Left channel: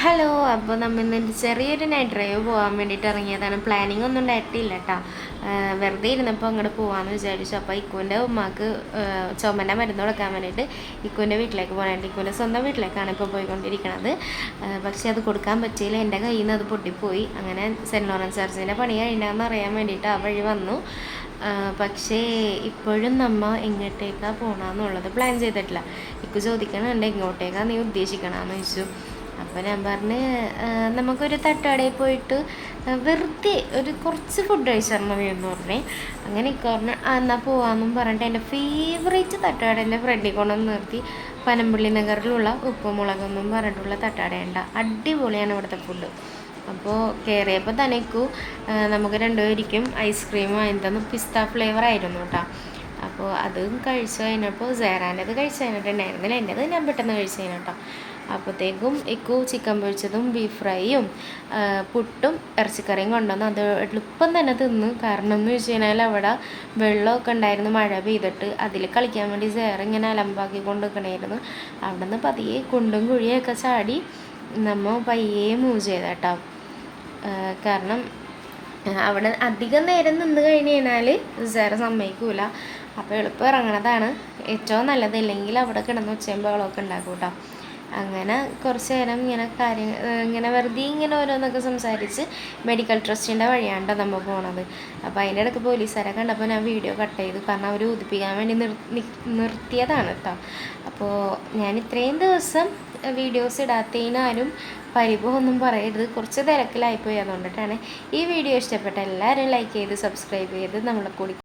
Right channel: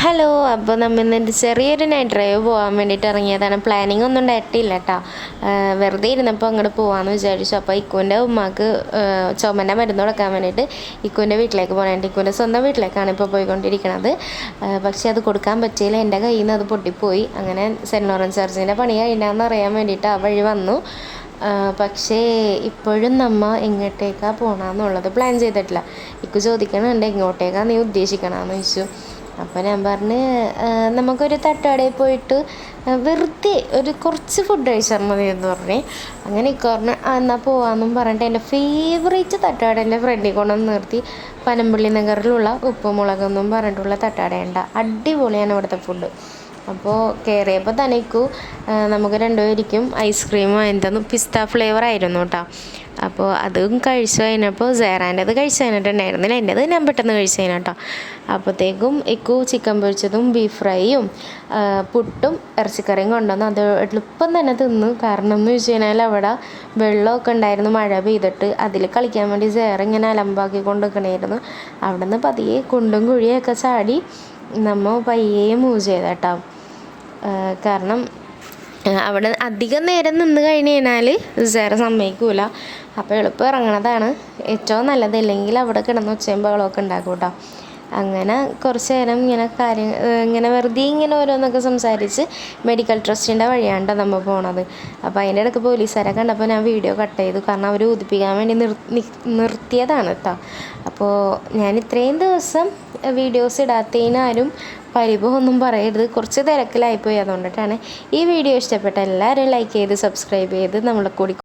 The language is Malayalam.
ഹലോ. അപ്പോൾ നമ്മൾ ഇന്ന് ചെറിയൊരു നൈറ്റ് ഡ്രൈവ് പോകാൻ വേണ്ടിയിട്ട് ഇറങ്ങിയതാണ്. പ്ലാനിങ് ഒന്നും ഉണ്ടായിട്ടില്ല കേട്ടോ. വെറുതെ ഇരുന്നപ്പോൾ അങ്ങോട്ട് പോകാമെന്ന് വിചാരിച്ചു. അപ്പോൾ ഇക്കുവിൻ്റെ ഉമ്മാക്ക് ചുമൻ്റെ മരുന്ന് കൊടുക്കാൻ വേണ്ടിയിട്ട് ഇക്കുവിൻ്റെ വീട്ടിലേക്ക് പോകാനായിട്ട്, ഇക്കുവിൻ്റെ സ്വന്തം വീട്ടിലേക്കാണ് ഇപ്പോൾ പോയിക്കൊണ്ടിരിക്കുന്നത്. പക്ഷേ അത് കൊടുക്കാൻ പറ്റിയില്ല, എൻ്റെ കയ്യിൽ നിന്ന് അത് പൊട്ടിപ്പോയി. അങ്ങനെ സെൻറ്റ് ലോറൻസ് ചർച്ചിൻ്റെ പണി കഴിഞ്ഞാന്ന് അറിയാൻ വേണ്ടിയിട്ട് ആ വഴി വന്നു. പക്ഷേ ഇപ്പോഴും നമ്മൾ എങ്ങോട്ടേക്കാണ് പോകണമെന്നുള്ളത് പ്ലാൻ ചെയ്തിട്ടില്ല. ഇക്കു ചോദിക്കണുണ്ട് എങ്ങോട്ടേക്കാണ് നീ ഉദ്ദേശിക്കണമെന്ന് ചോദിച്ചു. അപ്പോൾ ഞാൻ പറഞ്ഞ് നമുക്കൊരു തട്ടുകടയിൽ പോയിട്ട് വെറുതെ കുറച്ച് ഫുഡ് കഴിച്ചാൽ മതി എന്ന് പറഞ്ഞ്. അങ്ങനെ പറഞ്ഞ് എന്നാൽ പോകാമെന്നും പറഞ്ഞിട്ട് എൻ്റെ ഫേവറേറ്റ് തട്ടുകടേൻ്റെ ഫ്രണ്ടിൽ കൊണ്ടുവന്ന് നിർത്തി. പനമ്പള്ളി നഗറിലുള്ള ഉപ്പുമുളകെന്നും പറഞ്ഞിട്ടുള്ള തട്ടുകടയുണ്ട്. അടിപൊളിയാണ് ഇവിടുത്തെ ഫുഡ്. അപ്പോൾ കയറിയപ്പോൾ തനിക്കു നമുക്ക് രണ്ടുപേരിക്കും ഐസ്ക്രീം വാങ്ങിത്തന്നു. പിസ്ത ഫ്ലേവർ ആയിരുന്നു കേട്ടോ. അപ്പോൾ അതും കഴിച്ചു കഴിഞ്ഞപ്പോൾ സേറാൻ്റെത് കഴിച്ചു കഴിഞ്ഞിട്ടുണ്ടായിരുന്നില്ല, എൻ്റെത് ഞാൻ പെട്ടെന്ന് കഴിച്ചു കഴിഞ്ഞാട്ടോ. അപ്പോഴത്തേക്കും ഇക്കു ചിക്കൻ പൊരിച്ചതും ബീഫ് ഫ്രൈയും പുട്ടും ഇറച്ചിക്കറിയും കൊണ്ടുവന്നു. അത് എളുപ്പം തന്നെ തിന്നു. കാരണം എന്ന് വെച്ച് കഴിഞ്ഞാൽ അവിടെ വെള്ളമൊക്കെ ഉണ്ടായിരുന്നു, മഴ പെയ്തിട്ട്. അതിൽ കളിക്കാൻ വേണ്ടി സേറ ഇങ്ങനെ അലമ്പാക്കി കൊണ്ടുവെക്കണമായിരുന്നു. അവിടെ നിന്ന് പതിയെ കുണ്ടും കുഴിയൊക്കെ ചാടി നമ്മൾ പയ്യെ മൂവ് ചെയ്തേട്ടോ. കാരണം അവിടെ അധികം നേരം നിന്ന് കഴിഞ്ഞ് കഴിഞ്ഞാൽ സേറ സമ്മതിക്കൂല. അപ്പോൾ എളുപ്പം ഇറങ്ങണതാണ് ഏറ്റവും നല്ലത്. അല്ലെങ്കിൽ അവിടെ കിടന്ന് ഒച്ചയും ബഹളമൊക്കെ ഉണ്ടാക്കും കേട്ടോ. അങ്ങനെ കുറച്ച് നേരം ഇങ്ങനെ വെറുതെ ഇങ്ങനെ ഓരോന്നൊക്കെ സംസാരിച്ച് മെഡിക്കൽ ട്രസ്റ്റിൻ്റെ വഴിയാണ് നമ്മൾ പോണത്. അപ്പോൾ അതിൻ്റെ ഇടയ്ക്ക് പോലീസുകാരെ കണ്ടപ്പോൾ ഞാൻ വീഡിയോ കട്ട് ചെയ്തു. കാരണം അവർ ഉദിപ്പിക്കാൻ വേണ്ടി നിർത്തിയതാണ് കേട്ടോ. അപ്പോൾ ഞാൻ ഇത്രയും ദിവസം വീഡിയോസ് ഇടാത്തതിനാരും പരിഭവമൊന്നും പറയരുത്, കുറച്ച് തിരക്കിലായിപ്പോയി. അതുകൊണ്ടിട്ടാണ്. ഈ വീഡിയോ ഇഷ്ടപ്പെട്ട എല്ലാവരും ലൈക്ക് ചെയ്ത് സബ്സ്ക്രൈബ് ചെയ്ത് നമ്മളെ കൂടി